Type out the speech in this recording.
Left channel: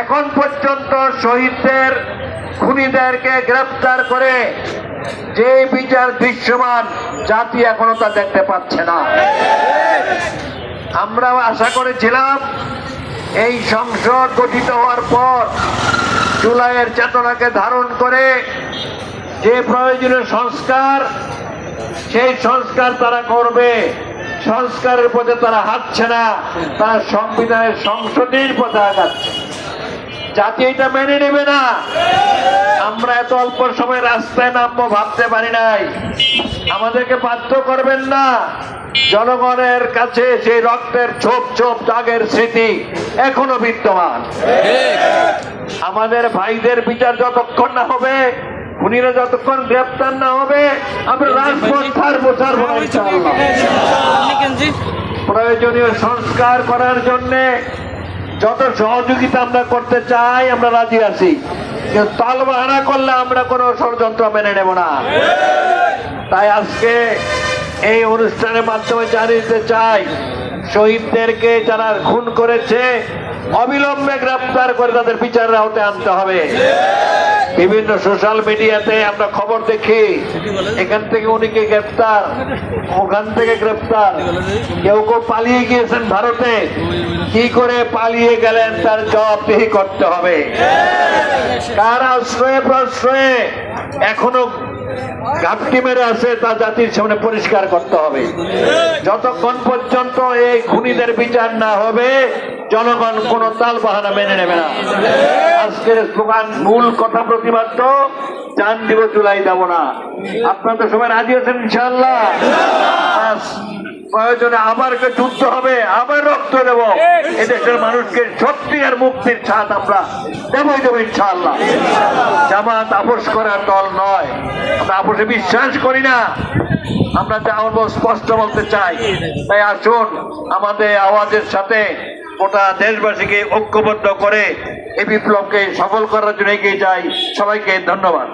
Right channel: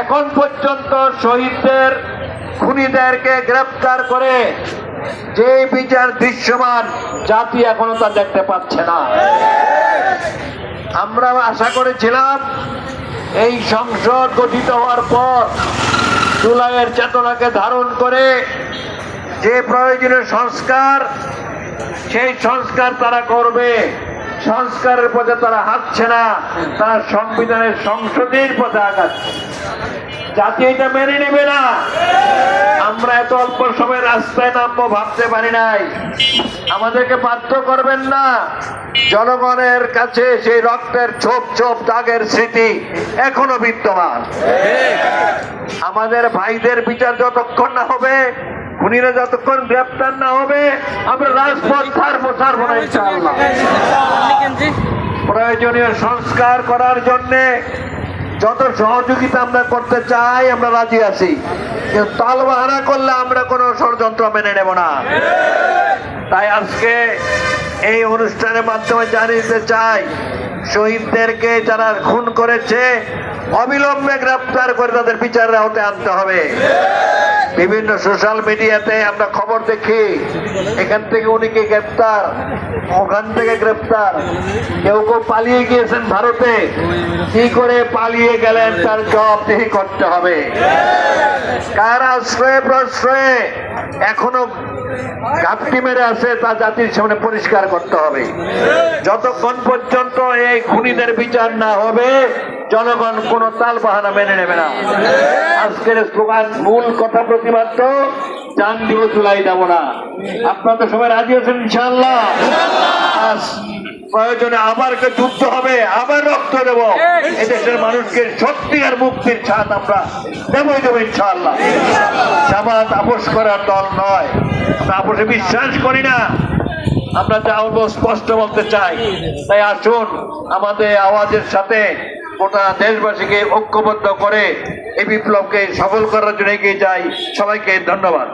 এখন পর্যন্ত শহীদদের খুনিদেরকে গ্রেফতার করে যে বিচার দৃশ্যমান জাতি এখনো তা দেখতে পাচ্ছে না। আমরা আশা করেছিলাম এই সংসদ গঠিত হওয়ার পর জুলাইয়ের চেতনাকে ধারণ করে যে প্রয়োজনীয় সংস্কার, সেই সংস্কার তারা করবে। সংস্কারের পথে তারা হাঁটছে না, তারা সংবিধানের সংশোধনের পথে আগাচ্ছে। জাতি এটা মেনে নেবে না। আমরা এত অল্প সময় রাস্তায় নামবো ভাবতে পারি নাই। আমাদেরকে বাধ্য করবেন না। জনগণের কাছে সেই রক্তের ছোপ ছোপ দাগের স্মৃতি এখনো বিদ্যমান। আমাদের ভাইদের বিচার যতক্ষণ না হবে, খুনিরা যতক্ষণ গ্রেপ্তার না হবে, আমরা রাজপথ ছাড়বো না ইনশাআল্লাহ। প্রয়োজনীয় সংস্কার করার জন্য যত সহযোগিতা আমরা করতে চাই আমরা রাজি আছি, কিন্তু তালবাহানা করলে আমরা কোনো ষড়যন্ত্র মেনে নেব না। তাই আজকে এই অনুষ্ঠানের মাধ্যমে জানিয়ে দিতে চাই, শহীদদেরকে যারা খুন করেছে অবিলম্বে গ্রেপ্তার করে তাদের বিচারের আওতায় আনতে হবে। বিভিন্ন সোশ্যাল মিডিয়াতে আমরা খবর দেখি, এখান থেকে উনিকে গ্রেপ্তার, ওখান থেকে গ্রেপ্তার, কেউ কেউ পালিয়ে গিয়েছেন ভারতে। কি করে পালিয়ে গেলেন তার জবাবদিহি করতে হবে। কার আশ্রয়ে প্রশ্রয়ে এখনো ঘাপটি মেরে আছে তা জাতির সামনে পরিষ্কার করতে হবে। যতক্ষণ পর্যন্ত এই খুনিদের বিচার না হবে জনগণ কোন তাল বাহানা মেনে নেবে না। আজকের স্লোগান মূল কথা প্রতিবাদ্য, জান দিব জুলাই যাব না। আপনারা তো সবাই রাজি আছেন ইনশাআল্লাহ? প্রয়োজনে আবার যুদ্ধ হবে, আবার রক্ত দেব, এদেশের মানুষকে সত্যি আর মুক্তির ছাদ আমরা দেবো ইনশাআল্লাহ। জামাত আপোষ করার দল নয়, আমরা আপোষে বিশ্বাস করি না। আমরা যা স্পষ্ট বলতে চাই। তাই আসুন আমাদের আওয়াজের সাথে গোটা দেশবাসীকে ঐক্যবদ্ধ করে এই বিপ্লবকে সফল করার জন্য এগিয়ে যাই। সবাইকে ধন্যবাদ।